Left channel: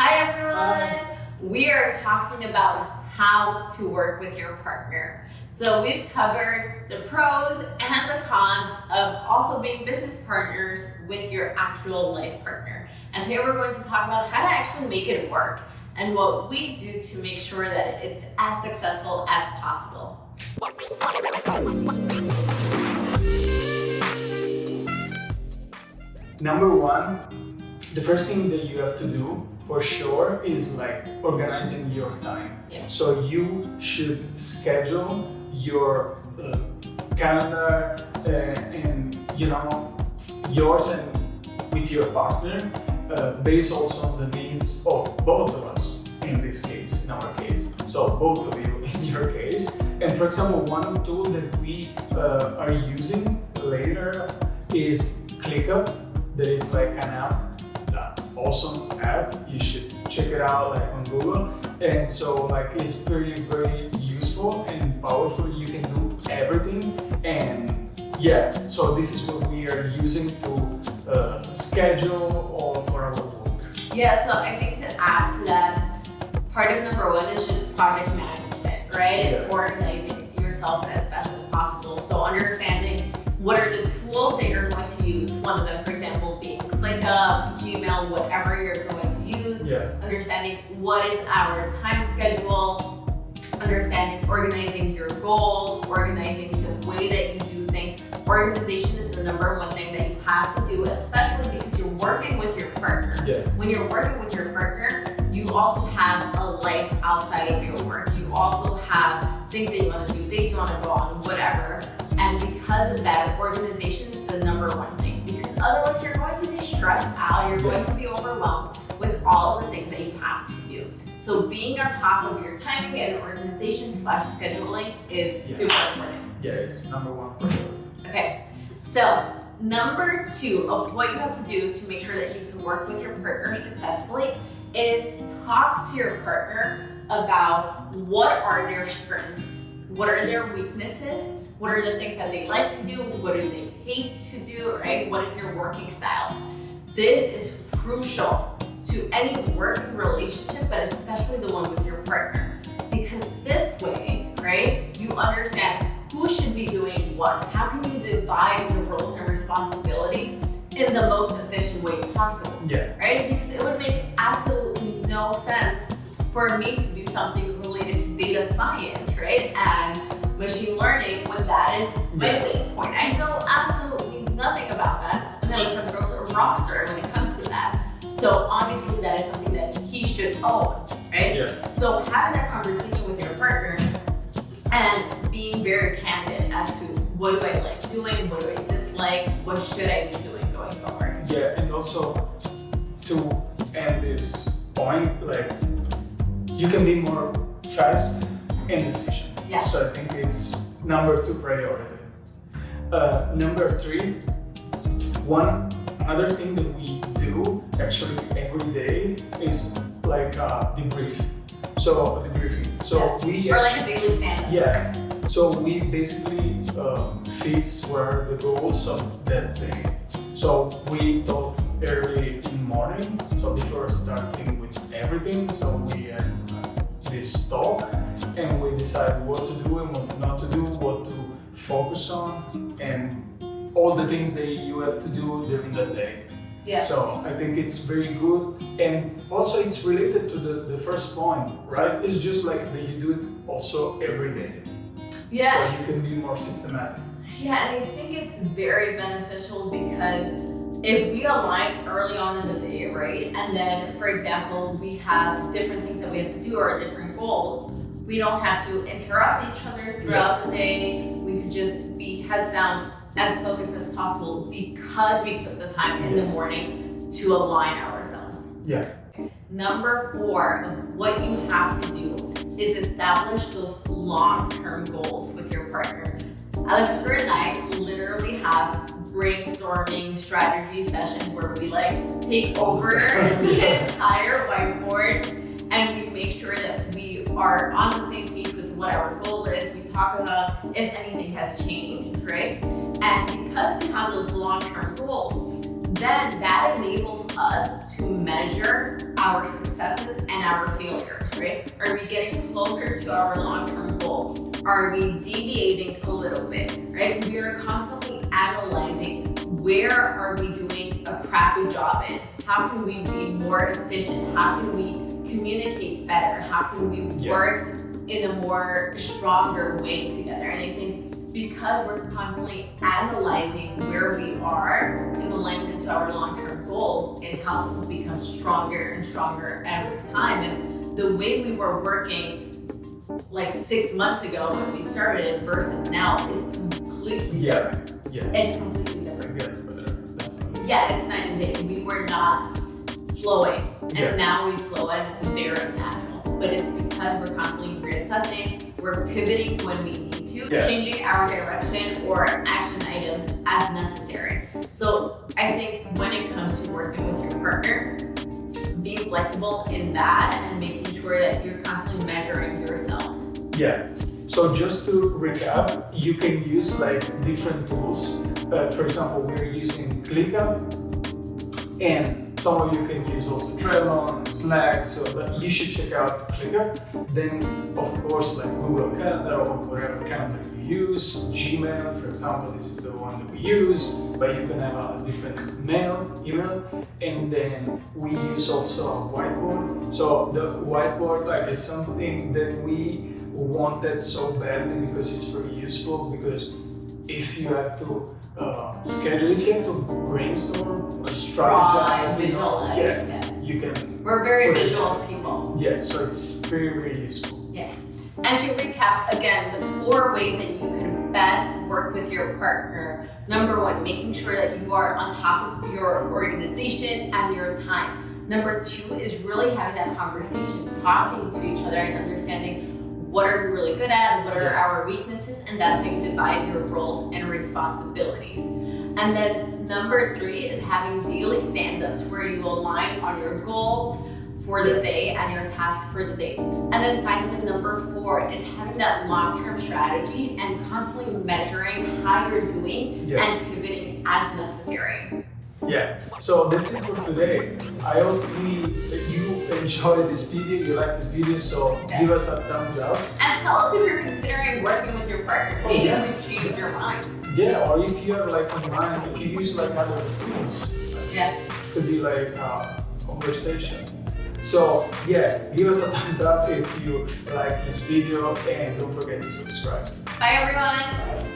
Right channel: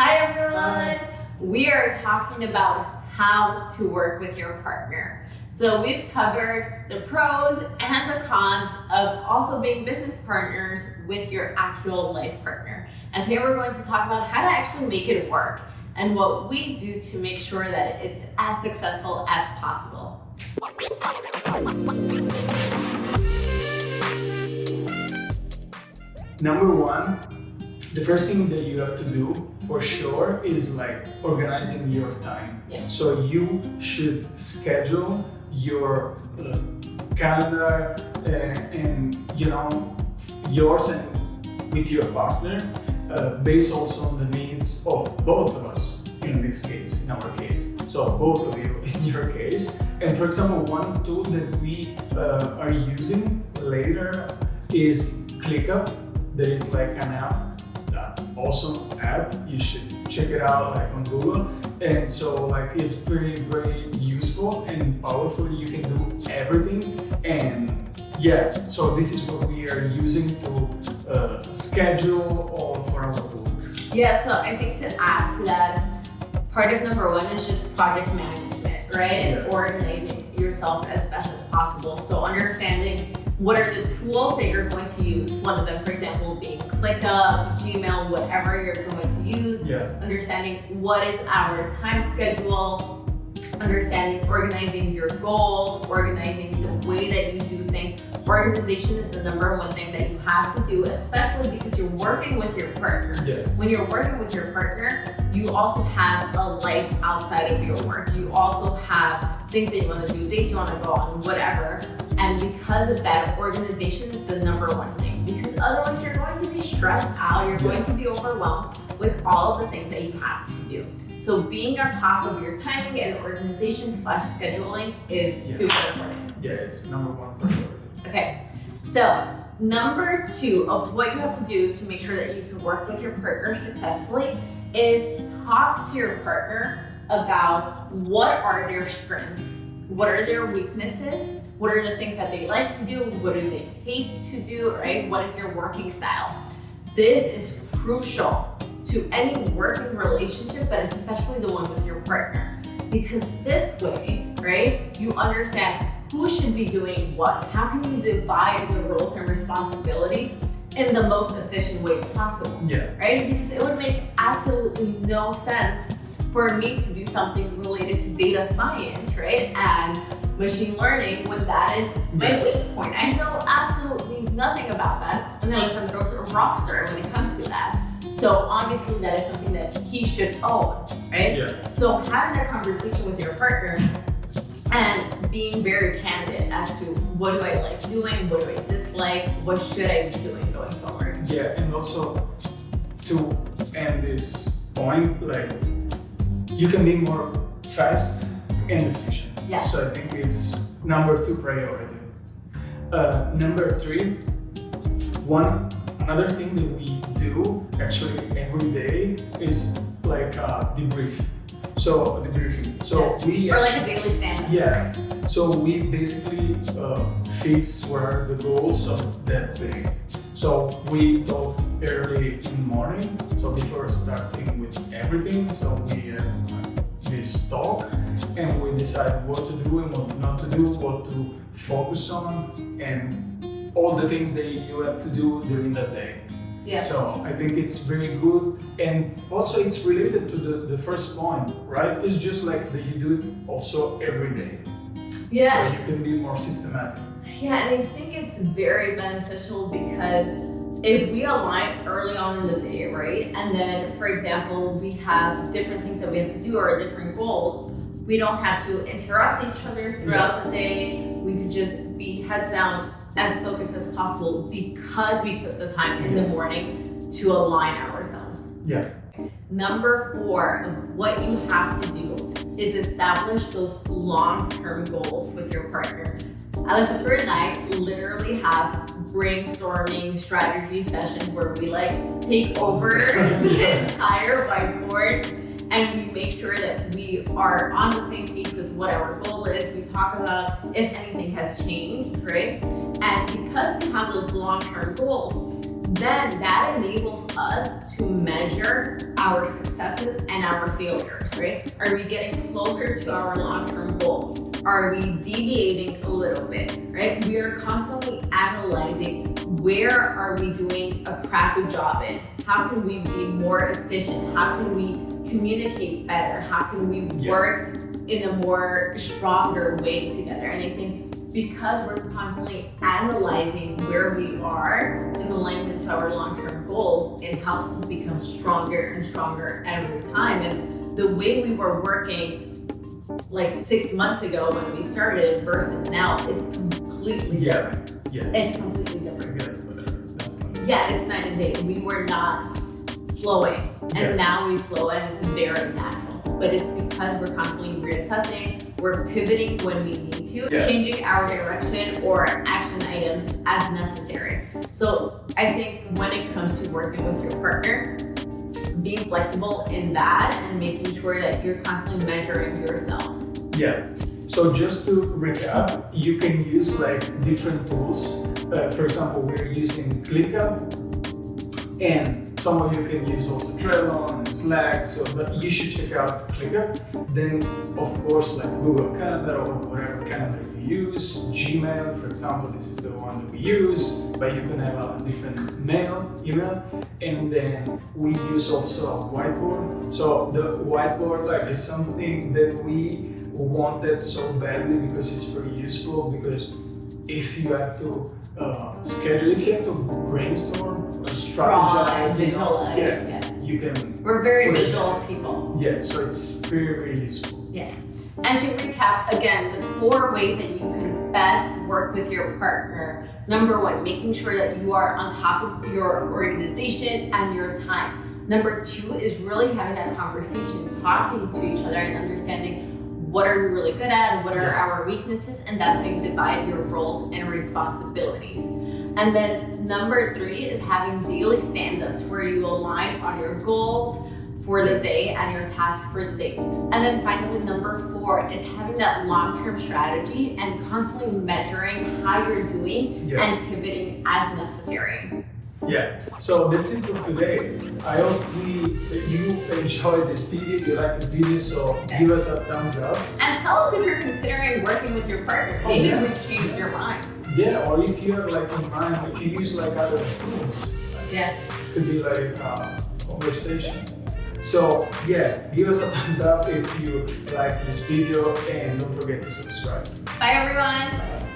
Hi everyone! We are talking about how to work with your partner. So we've covered the pros and the cons of also being business partners with your actual life partner. And today we're going to talk about how to actually make it work and what we do to make sure that it's as successful as possible. Number one, the first thing that you have to do for sure is like organizing your time. Yeah. So you should schedule your calendar and yours and with your partner based also on the needs of both of us in this case, in our case. So both of you in your case. And for example, one tool that we are using later is ClickUp. There is like an app, awesome app. You should check it out like on Google. And so like it's very, very useful and powerful. You can do everything. And yeah, so this is what we are using to schedule all for our work. Yeah, so I think to add to that, part of number one is just project management, right? And organizing yourself as best as possible. So understanding what are the tools that you're going to use. One of them, for example, being ClickUp, Gmail, whatever you're going to use. Yeah. Understanding what is our time schedule, understanding organizing your goals, organizing the way that you do things. Organization is the number one thing that you have to do, especially because you're working with your partner. Yeah. When you're working with your partner, you also have a life outside of your work. You also have things that you want to do, dates you want to go on, whatever. And because of that, organization is the number one thing. Because otherwise you're going to be stressed out, you're going to be overwhelmed with all of the things that you have to do. So being on top of your timing and organization / scheduling is super important. Yeah, it's number one priority. Okay, so number two of what you have to do to make sure that you can work with your partner successfully is talk to your partner about what are their strengths, what are their weaknesses, what are the things that they like to do, what do they hate to do, right? What is their working style? This is crucial to any working relationship, but especially the one with your partner. Because this way, right, you understand who should be doing what. How can you divide the roles and responsibilities in the most efficient way possible, right? Because it would make absolutely no sense for me to do something related to data science, right? And machine learning when that is my weak point. I know absolutely nothing about that. And then Alessandro's a rock star when it comes to that. So obviously that is something that he should own, right? Yeah. So having that conversation with your partner and being very candid as to what do I like doing, what do I dislike, what should I be doing going forward. Yeah, and also to end this point, like you can be more fast and efficient. Yeah. So I think it's number two priority. Number three, another thing that we do actually every day is like debrief. So debriefing. So we or like a daily stand-up. Yeah. So we basically fix what are the goals of that day. So we talk early in the morning. So before starting with everything, so we have this talk and we decide what to do and what not to do, what to focus on, and all the things that you have to do during the day. Yeah. So I think it's very good, and also it's related to the first point, right? It's just like that you do it also every day. Yeah. So you can be more systematic. Yeah, and I think it's very beneficial because if we align early on in the day, right? And then, for example, we have different things that we have to do or different goals. We don't have to interrupt each other throughout the day. We could just be heads down, as focused as possible because we took the time in the morning to align ourselves. Yeah. Number 4 of what you have to do is establish those long-term goals with your partner. Alessandro and I literally have brainstorming strategy sessions where we like take over the entire whiteboard and we make sure that we are on the same page with what our goal is. We talk about if anything has changed, right? And because we have those long-term goals, then that enables us to measure our our successes and our failures, right? Are we getting closer to our long-term goal? Are we deviating a little bit, right? We are constantly analyzing where are we doing a crappy job in? How can we be more efficient? How can we communicate better? How can we work in a more stronger way together? And I think because we're constantly analyzing where we are in alignment to our long-term goals, it helps us become stronger and stronger every time. And the way we were working like 6 months ago when we started versus now is completely different. It's completely different. Yeah, it's night and day. We were not flowing, and now we flow, and it's very natural. But it's because we're constantly reassessing, we're pivoting when we need to, changing our direction or action items as necessary. So I think when it comes to working with your partner, being flexible in that and making sure that you're constantly measuring yourselves. Yeah. So just to recap, you can use like different tools. For example, we're using ClickUp, and some of you can use also Trello and Slack. So, but you should check out ClickUp. Then, of course, like Google Calendar or whatever calendar you use. Gmail, for example, this is the one that we use. But you can have a different email, and then we use also a whiteboard. So the whiteboard like is something that we wanted so badly because it's very useful. Because if you have to schedule, if you have to brainstorm, strategize, visualize, you can. We're very visual people. Yeah, so it's very, very useful. Yes. And to recap again, the 4 ways that you can best work with your partner. Number 1, making sure that you are on top of your organization and your time. Number 2 is really having that conversation, talking to each other and understanding what are we really good at, what are our weaknesses, and that's how you divide your roles and responsibilities. And then number 3 is having daily stand-ups where you align on your goals for the day and your task for the day. And then finally, number 4 is having that long-term strategy and constantly measuring how you're doing and pivoting as necessary. Yeah, so that's it for today. I hope you enjoyed this video, you like this video, so give us a thumbs up. And tell us if you're considering working with your partner. Maybe we've changed your mind. Yeah, or if you have like a mind, if you use like other tools. It could be like a conversation. So yeah, give us a thumbs up if you like this video, and don't forget to subscribe. Bye everyone.